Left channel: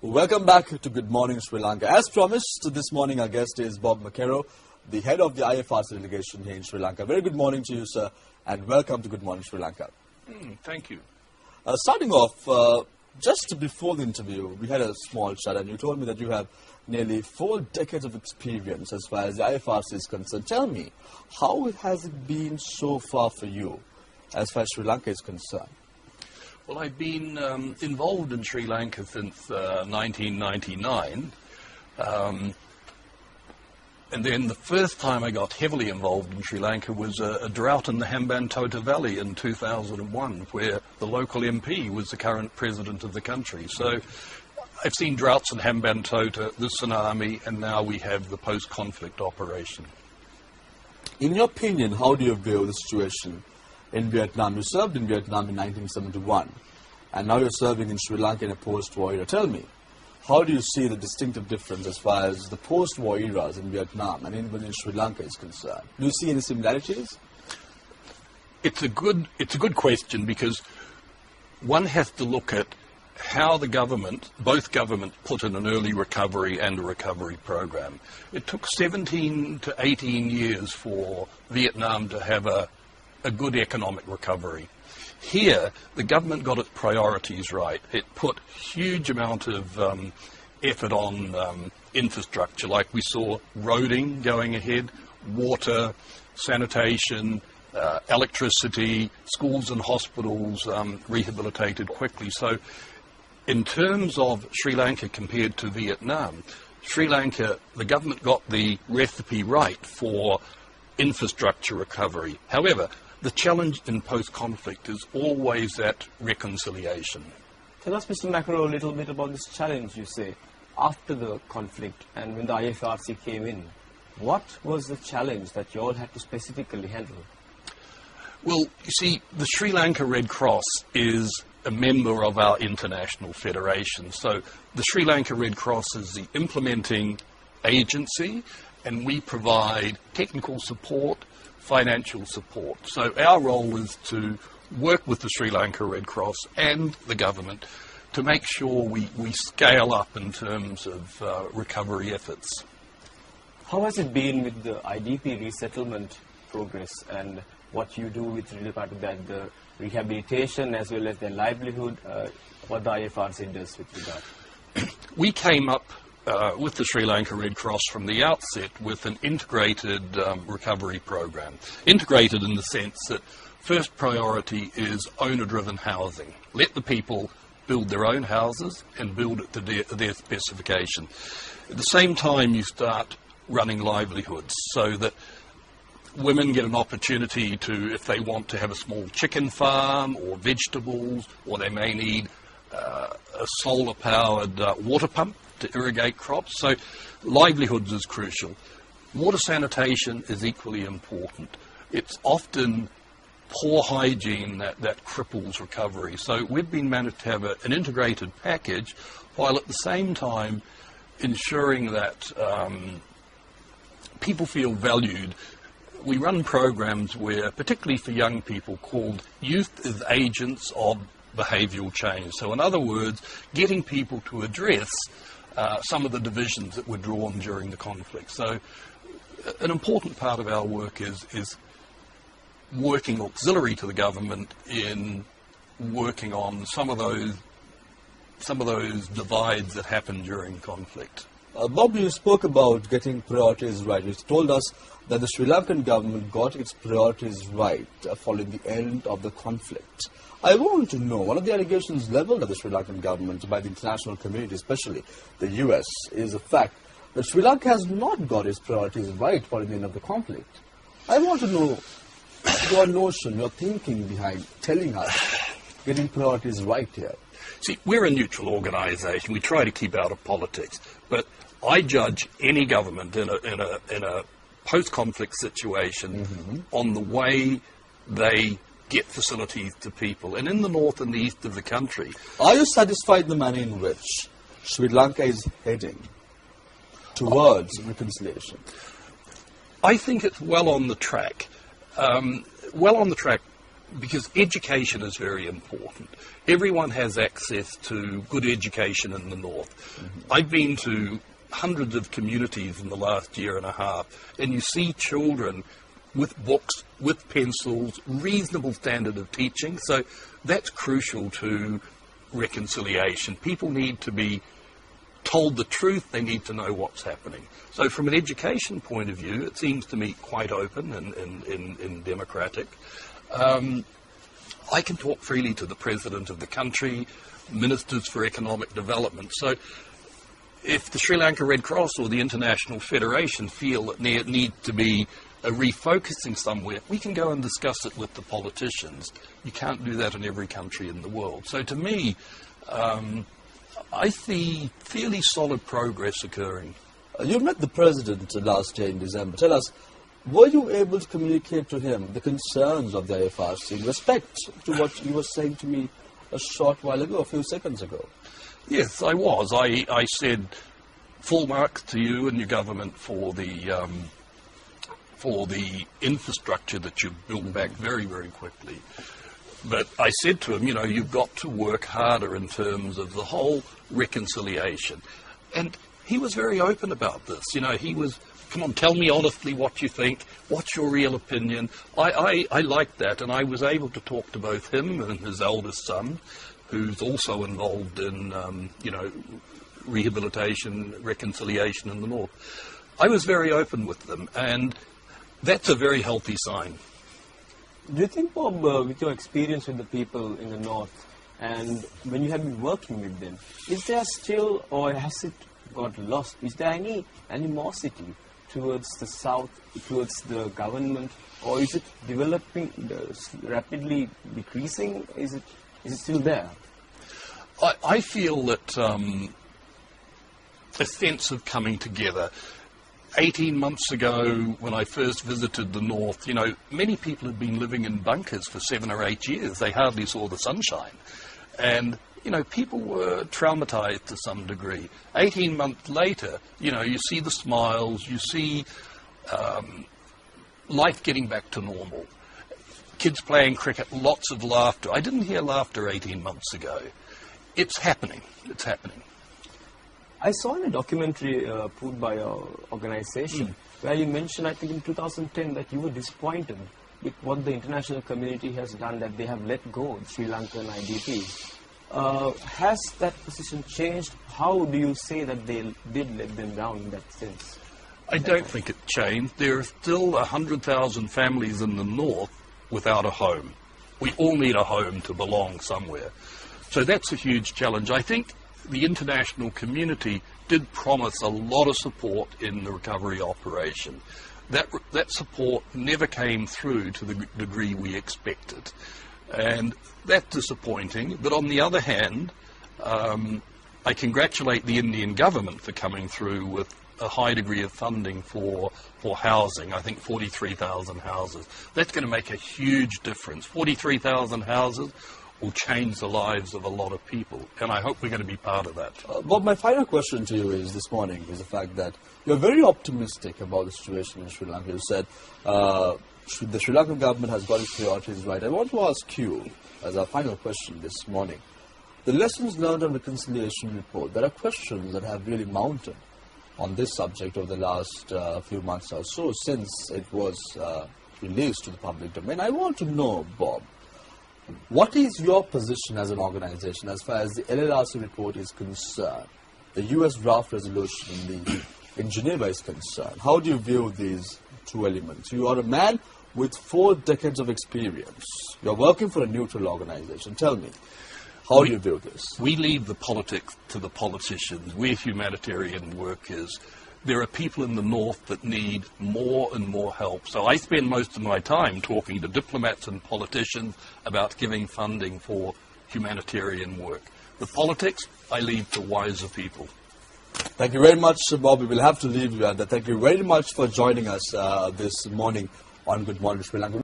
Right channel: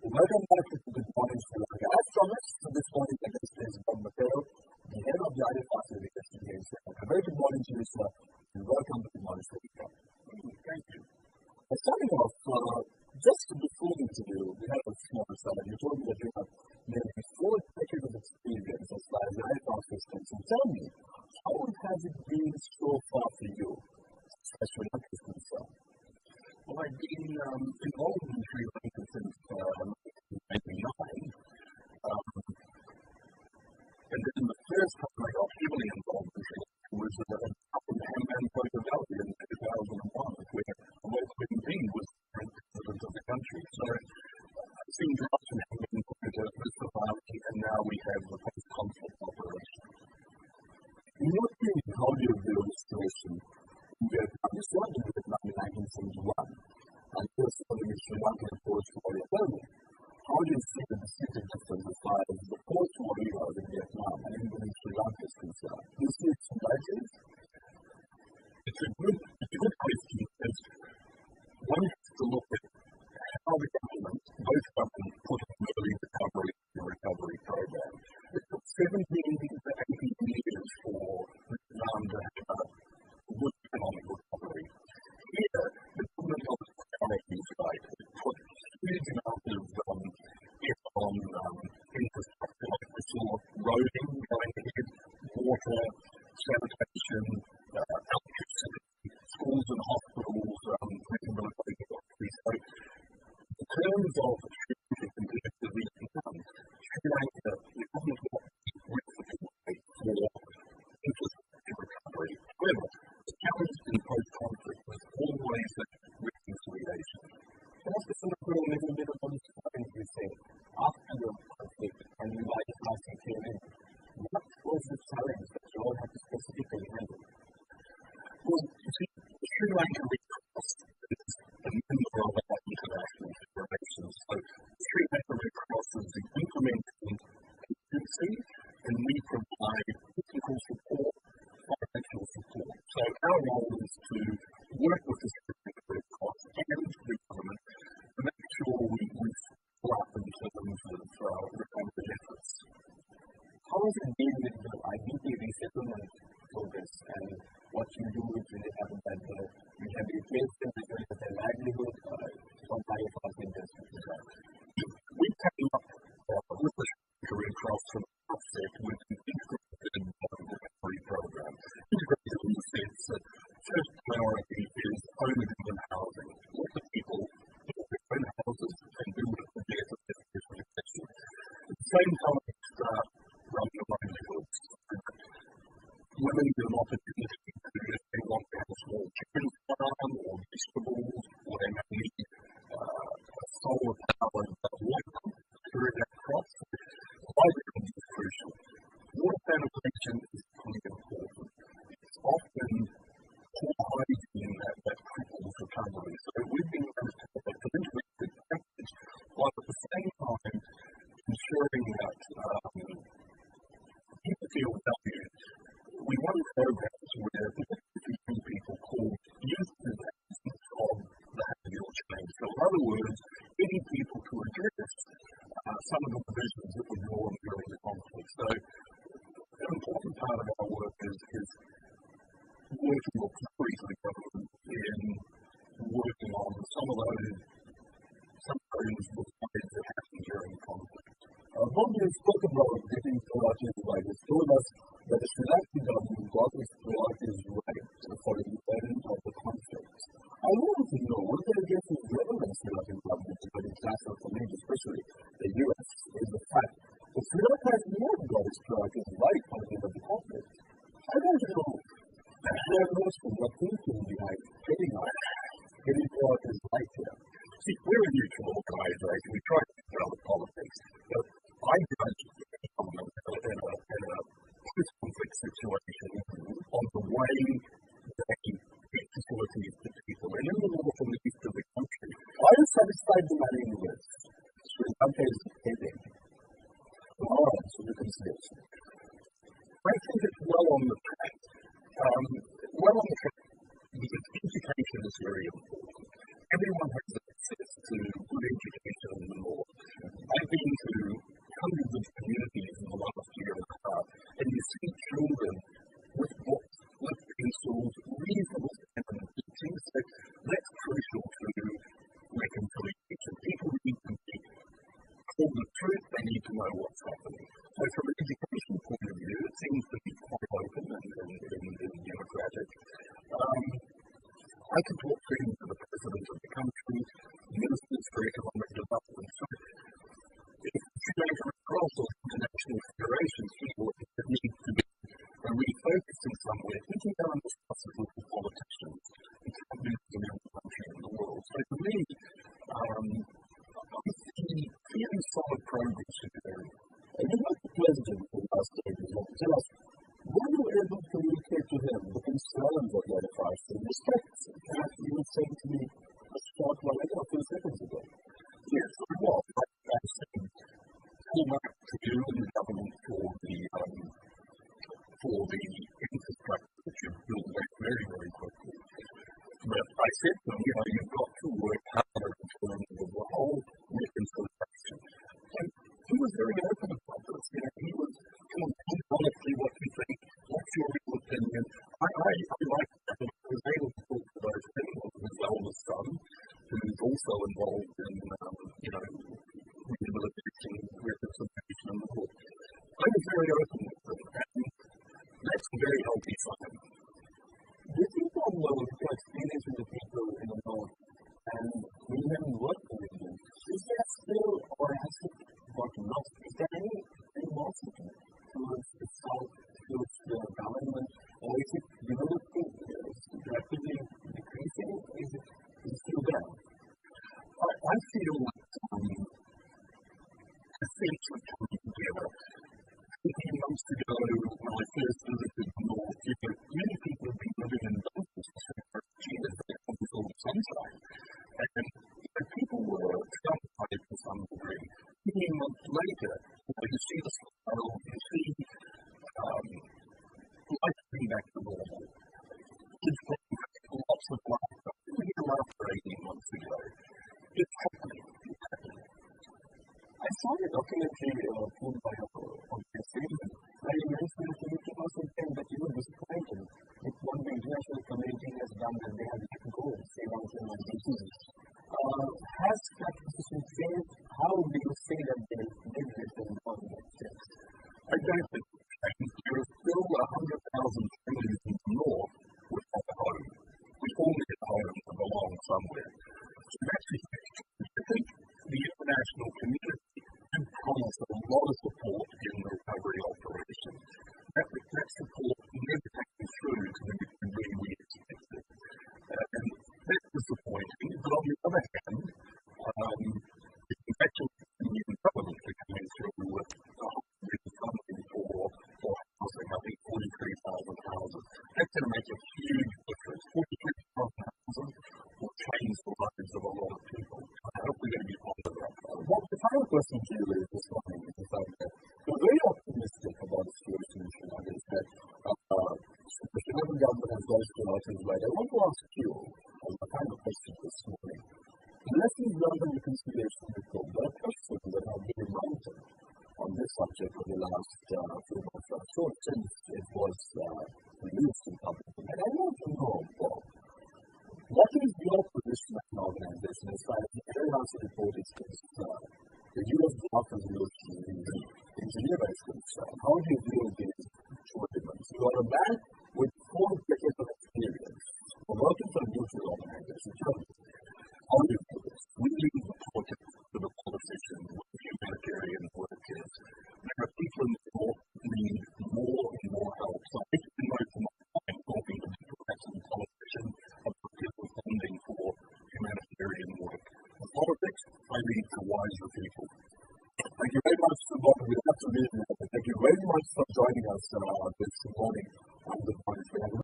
Welcome back to Good Morning Sri Lanka. As promised, this morning our guest is Bob Mckerrow, the head of the IFRC delegation here in Sri Lanka. Very good morning to you, sir, and welcome to Good Morning Sri Lanka. Thank you. Starting off, just before the interview, we had a small chat, and you told me that you have nearly 4 decades of experience as far as the IFRC is concerned. Tell me, how has it been so far for you as far as Sri Lanka is concerned? Well, I've been involved in Sri Lanka since 1999. And then the first time I got heavily involved in Sri Lanka was a drought in the Hambantota Valley in 2001, where the local MP was the current president of the country. So I've seen droughts in Hambantota, the tsunami, and now we have the post-conflict operation. In your opinion, how do you view the situation in Vietnam? You served in Vietnam in 1971, and now you're serving in Sri Lanka in a post-war era. Tell me, how do you see the distinctive difference as far as the post-war eras in Vietnam and even in Sri Lanka is concerned? Do you see any similarities? It's a good question, because one has to look at how the government, both governments, put in an early recovery and a recovery program. It took 17 to 18 years for Vietnam to have a good economic recovery. Here, the government got its priorities right. It put huge amount of effort on infrastructure, like we saw roading going ahead, water, sanitation, electricity, schools and hospitals rehabilitated quickly. So in terms of Sri Lanka compared to Vietnam, Sri Lanka, the government got the recipe right for infrastructure recovery. However, the challenge in post-conflict is always that reconciliation. Tell us, Mr. Mckerrow, a little bit about this challenge, you say, after the conflict and when the IFRC came in. What was the challenge that you all had to specifically handle? Well, you see, the Sri Lanka Red Cross is a member of our international federation. So the Sri Lanka Red Cross is the implementing agency, and we provide technical support, financial support. So our role is to work with the Sri Lanka Red Cross and the government to make sure we scale up in terms of recovery efforts. How has it been with the IDP resettlement progress and what you do with regard to that, the rehabilitation as well as their livelihood, what the IFRC does with regard? We came up with the Sri Lanka Red Cross from the outset with an integrated recovery program. Integrated in the sense that first priority is owner-driven housing. Let the people build their own houses and build it to their specification. At the same time, you start running livelihoods so that women get an opportunity to, if they want to have a small chicken farm or vegetables, or they may need a solar-powered water pump to irrigate crops. So livelihoods is crucial. Water sanitation is equally important. It's often poor hygiene that cripples recovery. So we've been managed to have an integrated package, while at the same time ensuring that people feel valued. We run programs where, particularly for young people, called Youth as Agents of Behavioural Change. So in other words, getting people to address some of the divisions that were drawn during the conflict. So an important part of our work is working auxiliary to the government in working on some of those divides that happened during conflict. Bob, you spoke about getting priorities right. You told us that the Sri Lankan government got its priorities right following the end of the conflict. I want to know, one of the allegations leveled at the Sri Lankan government by the international community, especially the US, is the fact that Sri Lanka has not got its priorities right following the end of the conflict. I want to know your notion, your thinking behind telling us getting priorities right here. See, we're a neutral organisation. We try to keep out of politics. But I judge any government in a post-conflict situation on the way they get facilities to people. And in the north and the east of the country... Are you satisfied in the manner in which Sri Lanka is heading towards reconciliation? I think it's well on the track. because education is very important. Everyone has access to good education in the north. I've been to hundreds of communities in the last year and a half, and you see children with books, with pencils, reasonable standard of teaching. So that's crucial to reconciliation. People need to be told the truth. They need to know what's happening. So from an education point of view, it seems to me quite open and democratic. I can talk freely to the President of the country, ministers for economic development. So if the Sri Lanka Red Cross or the International Federation feel that there needs to be a refocusing somewhere, we can go and discuss it with the politicians. You can't do that in every country in the world. So to me, I see fairly solid progress occurring. You met the President last year in December. Tell us, were you able to communicate to him the concerns of the IFRC in respect to what you were saying to me a short while ago, a few seconds ago? Yes, I was. I said full marks to you and your government for the infrastructure that you built back very, very quickly. But I said to him, you know, you've got to work harder in terms of the whole reconciliation. And he was very open about this. You know, he was, come on, tell me honestly what you think. What's your real opinion? I liked that, and I was able to talk to both him and his eldest son, who's also involved in, you know, rehabilitation, reconciliation in the north. I was very open with them, and that's a very healthy sign. Do you think, Bob, with your experience with the people in the north, and when you have been working with them, is there still, or has it got lost? Is there any animosity towards the south, towards the government, or is it developing, rapidly decreasing? Is it still there? I feel that a sense of coming together. 18 months ago, when I first visited the north, you know, many people had been living in bunkers for 7 or 8 years. They hardly saw the sunshine. And, you know, people were traumatized to some degree. 18 months later, you know, you see the smiles, you see life getting back to normal. Kids playing cricket, lots of laughter. I didn't hear laughter 18 months ago. It's happening. It's happening. I saw in a documentary put by your organization where you mentioned, I think in 2010, that you were disappointed with what the international community has done, that they have let go of Sri Lankan IDP. Has that position changed? How do you say that they did let them down in that sense? I don't think it changed. There are still 100,000 families in the north without a home. We all need a home to belong somewhere. So that's a huge challenge. I think the international community did promise a lot of support in the recovery operation. That support never came through to the degree we expected. And that's disappointing. But on the other hand, I congratulate the Indian government for coming through with a high degree of funding for housing. I think 43,000 houses. That's going to make a huge difference. 43,000 houses will change the lives of a lot of people, and I hope we're going to be part of that. Bob, my final question to you is this morning is the fact that you're very optimistic about the situation in Sri Lanka. You said the Sri Lankan government has got its priorities right. I want to ask you, as our final question this morning, the lessons learned on reconciliation report. There are questions that have really mounted on this subject over the last few months or so since it was released to the public domain. I want to know, Bob, what is your position as an organization as far as the LLRC report is concerned, the U.S. draft resolution in Geneva is concerned? How do you view these two elements? You are a man with 4 decades of experience. You're working for a neutral organization. Tell me, how do you view this? We leave the politics to the politicians. We're humanitarian workers. There are people in the north that need more and more help. So I spend most of my time talking to diplomats and politicians about giving funding for humanitarian work. The politics, I leave to wiser people. Thank you very much, Bob. We will have to leave you at that. Thank you very much for joining us this morning on Good Morning Sri Lanka.